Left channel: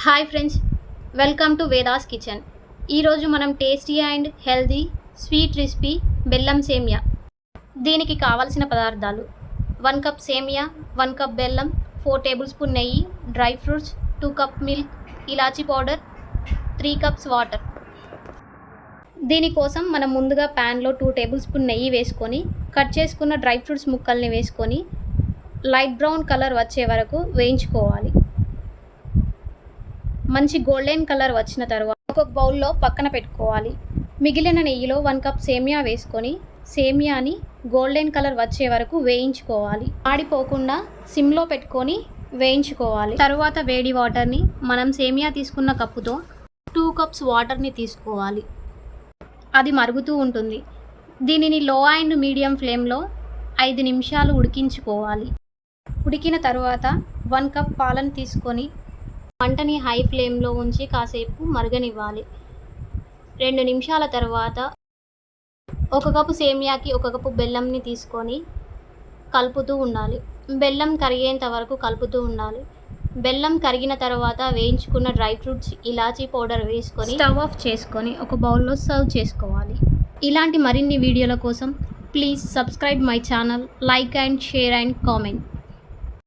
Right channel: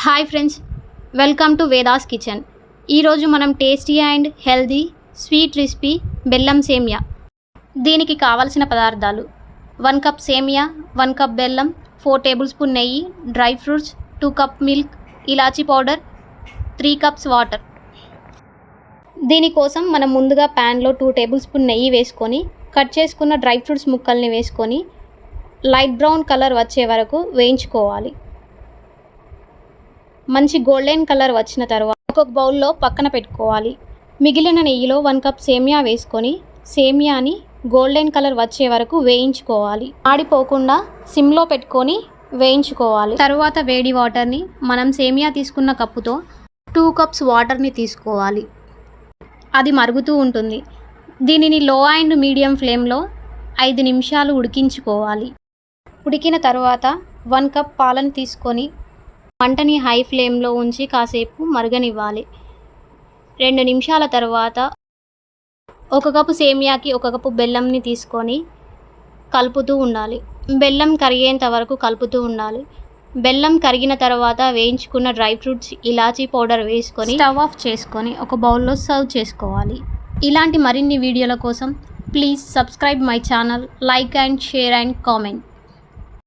Hi friends, welcome to Vedas kitchen. ఈరోజు మనం tasty and healthy sweet recipe బెల్లం సేమియా. దీనికి కావలసిన పదార్థాలు: 1 కప్ సేమియా, 1 కప్ బెల్లం, 4 టేబుల్ స్పూన్ నెయ్యి, డ్రై ఫ్రూట్స్, 2 కప్ మిల్క్, ఇలాచీ పౌడర్, 3 కప్స్ వాటర్. దీనికోసం మనం ముందుగా ప్యాన్లో 2 టేబుల్ స్పూన్ నెయ్యి వేసుకొని కట్ చేసుకున్న డ్రై ఫ్రూట్స్ ముక్కల్ని వేసుకొని లైట్ బ్రౌన్ కలర్ వచ్చే వరకు వేయించుకోవాలి. మంచి గోల్డెన్ కలర్ వచ్చిన తర్వాత ఒక బౌల్లో పక్కన పెట్టుకోవాలి. మిగిలిన నెయ్యిలో 1 కప్ సేమియా వేసుకొని సేమియాని గోల్డెన్ కలర్ వచ్చే వరకు వేయించుకోవాలి. ఆడిపోకుండా సిమ్లో పెట్టుకొని వేయించుకోవాలి. తర్వాత వేడి వాటర్ని మనం సేమియా తీసుకున్న కప్పుతో 2 కప్స్ వాటర్ని తీసుకోవాలి. అది మరుగుతూ ఉంటుంది. దీనిని లో అండ్ మీడియం ఫ్లేమ్లో 5 నిమిషాలు ఉడికించుకోవాలి. ఉడికిన తర్వాత 1 కప్ పాలను తీసుకొని మంటని హై ఫ్లేమ్లో ఉంచి కాసేపు మరగనివ్వాలి. 2 నిమిషాల తర్వాత 1 కప్పు సేమియాకి 1 కప్పు బెల్లంని తీసుకొని కలుపుతూ ఉండాలి. బెల్లం కరిగేంత వరకు కలుపుతూ ఉండాలి. బెల్లం కరిగిన తర్వాత వేయించుకున్న డ్రై ఫ్రూట్స్, ఇలాచీ పౌడర్ వేసుకొని స్టవ్ ఆఫ్ చేసుకొని ఒక బౌల్లో సర్వ్ చేసుకోవాలి. ఇలాంటి మరిన్ని వీడియోల కోసం please subscribe my channel, like and share and comment.